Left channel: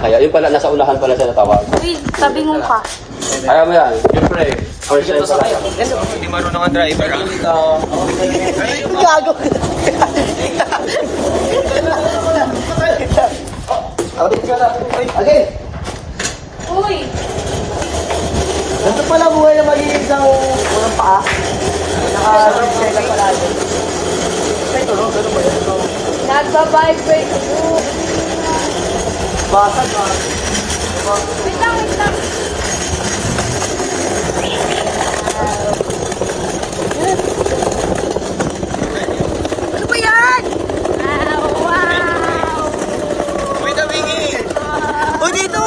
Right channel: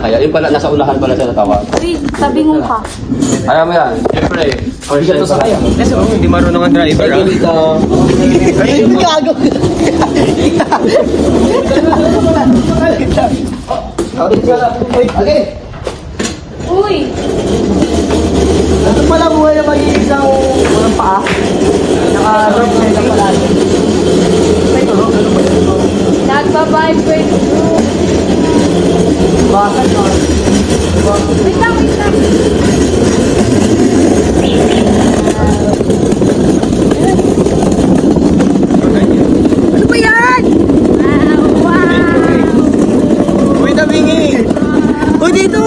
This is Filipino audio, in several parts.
kaya. Yung pala, nasa unahan pala siya tama. Wait, sabi mo pa. Marami yan. Siyempre, organ to sa kaya. Hindi marunong ang driver, Ito dito. Uy! Nagpa-vibe. Wait lang, wait lang. Ano ba yan? Uy, nabingi! Uy, dito!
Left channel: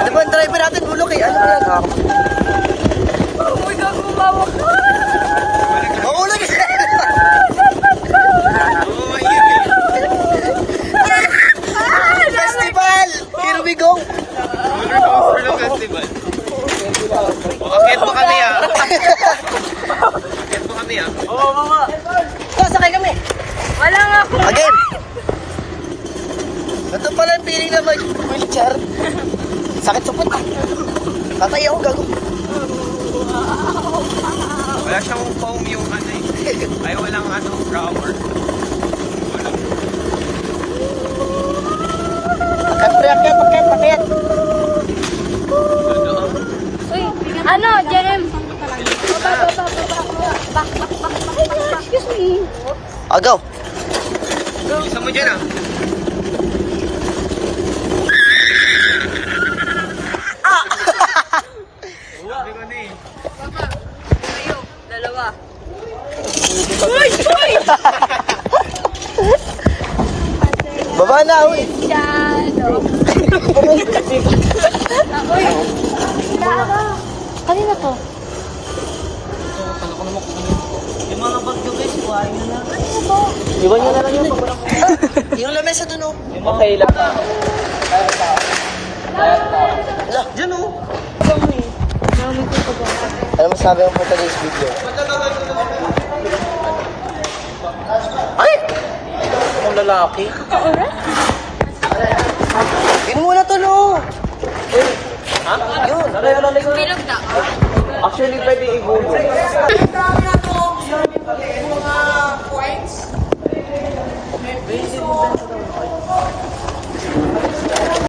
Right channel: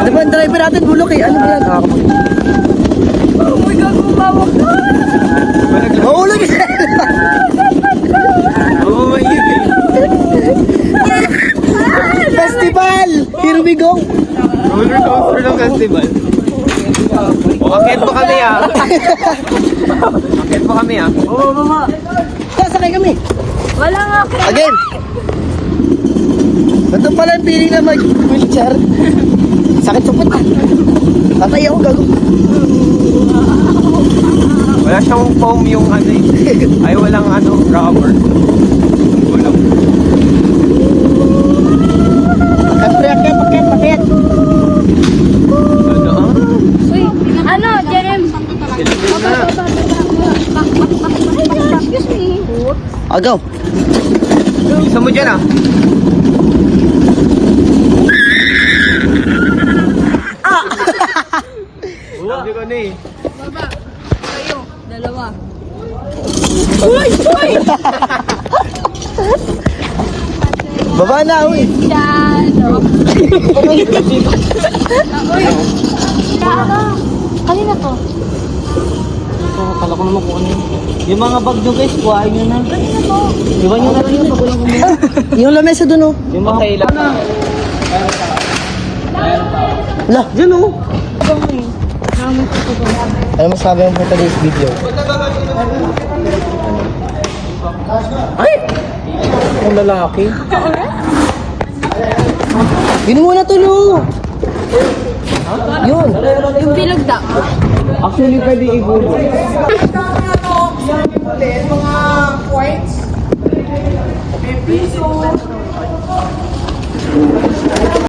Ano ba ang driver natin? Bulok eh. Ano ba yan? Mahulog eh! Oo, may Festival! Here we go! roller coaster ng festival. Akit po kami ah. Akit po kami ah. Oo, mama. Sasakay kami. Wala nga po. Again! Ito pala ang piling na mag-wheelchair. Sakit supot ah. Tatay ako gago. Wala siyang foam yung ano eh. Ay, walang ano, rubber. Walang. Uy, ano, James? Sila muna. Excuse me. Agaw. Gusto mo dyan ah. Sabi ko na eh. Baba. Ito, dalawa. Baba na kami. Kanina ka. Akala ko naman kung ano yun. Yung mga bag nyo guys, buhain nyo na. Iwan nyo na lang yung pag walang kumuha. Yung lamesa dun oh. Yung mga... Kaya na. Lah, dyan oh. Ano masabi mo for today's video? Ay! Yung lalaki. Yun muna to no. Yun. Yung pinagda. Actually, pwede i-google. Mga points. Episode.